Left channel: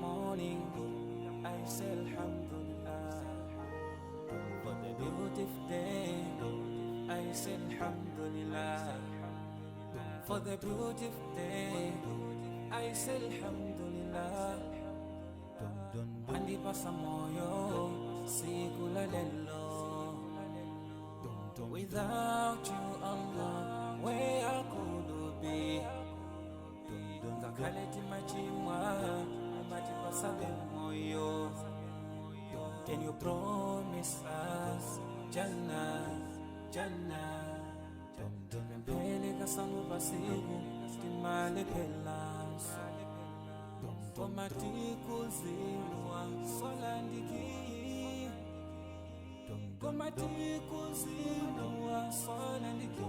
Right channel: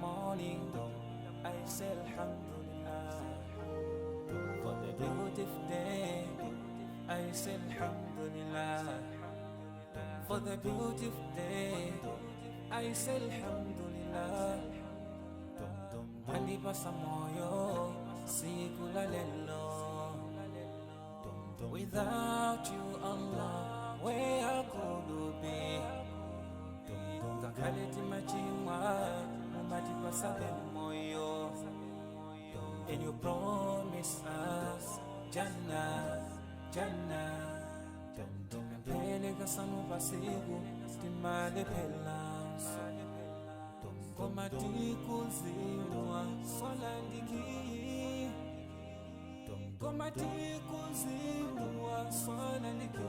morning, I say Alhamdulillah. For the beautiful day, I say Alhamdulillah. For the beautiful day, I say Alhamdulillah. Mandipasa moyo siku la lelo. Without you, Allah, where could be? Ngakaleti machimwa, mandipasa moyo. And you promise us Jannah, Jannah. Tipempele kasanu pasiku, timale pelanso. Komati kuziwa, solandiki. Komati kuziwa, solandiki.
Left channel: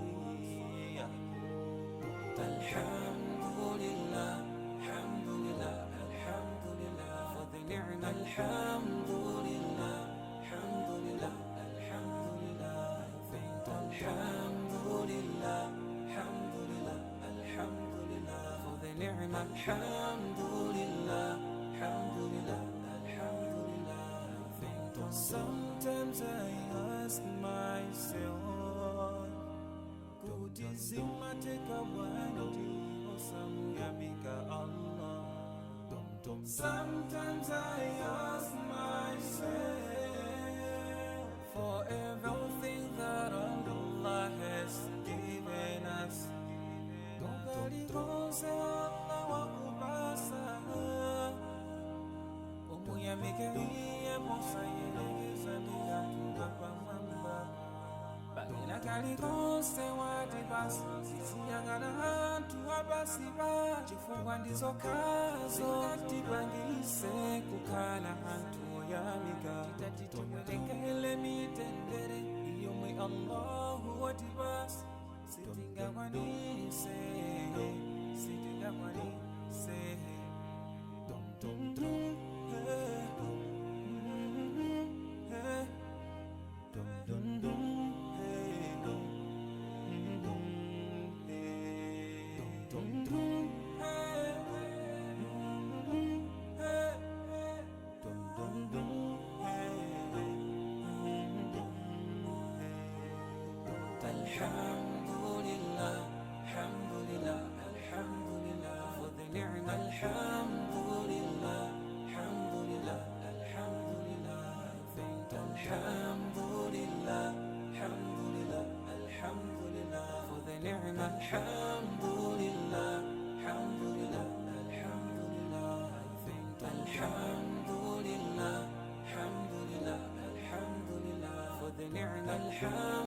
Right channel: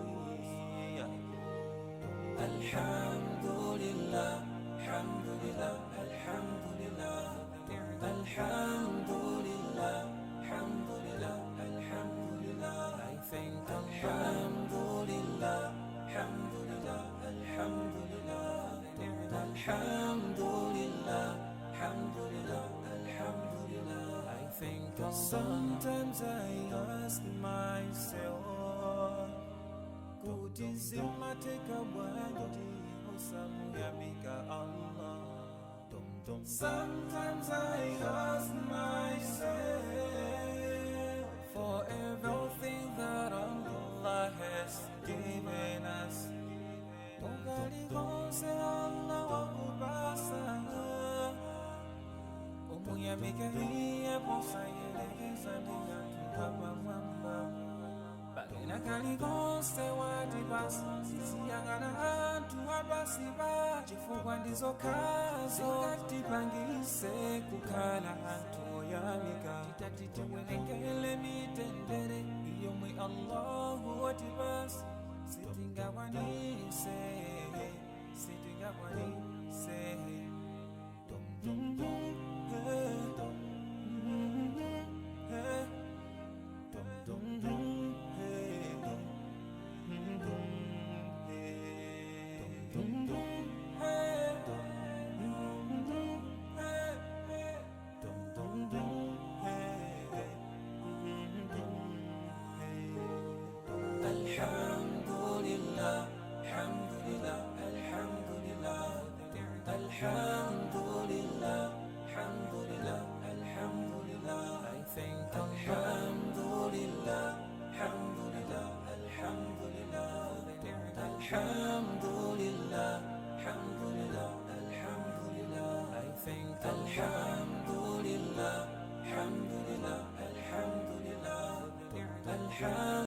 Alhamdulillah, alhamdulillah, alhamdulillah for the ni'mah. Alhamdulillah, alhamdulillah, alhamdulillah. I thank Alhamdulillah, alhamdulillah, alhamdulillah for the ni'mah. Alhamdulillah, alhamdulillah, alhamdulillah. I thank Allah. Sometimes I ask myself, kutizima teka wandi osamu yamika Allah. Sometimes I ask myself for everything that Allah has given us. Mugali gonse Allah wa kubasa. Omuyamike hiye posa yelegeza bila tuhapa mwamba. Bagena kali konse wadibasi sisiyangana hantu abasiba chifungwa ndizo kazo katipangise kukala hantu oyamika titatitiwelengele mitendere iyo mwe Allahu wadibasi sitingakwanise sitingakwanise Alhamdulillah, alhamdulillah, alhamdulillah for the ni'mah. Alhamdulillah, alhamdulillah, alhamdulillah. I thank Alhamdulillah, alhamdulillah, alhamdulillah for the ni'mah. Alhamdulillah, alhamdulillah, alhamdulillah. I thank Alhamdulillah, alhamdulillah, alhamdulillah for the ni'mah.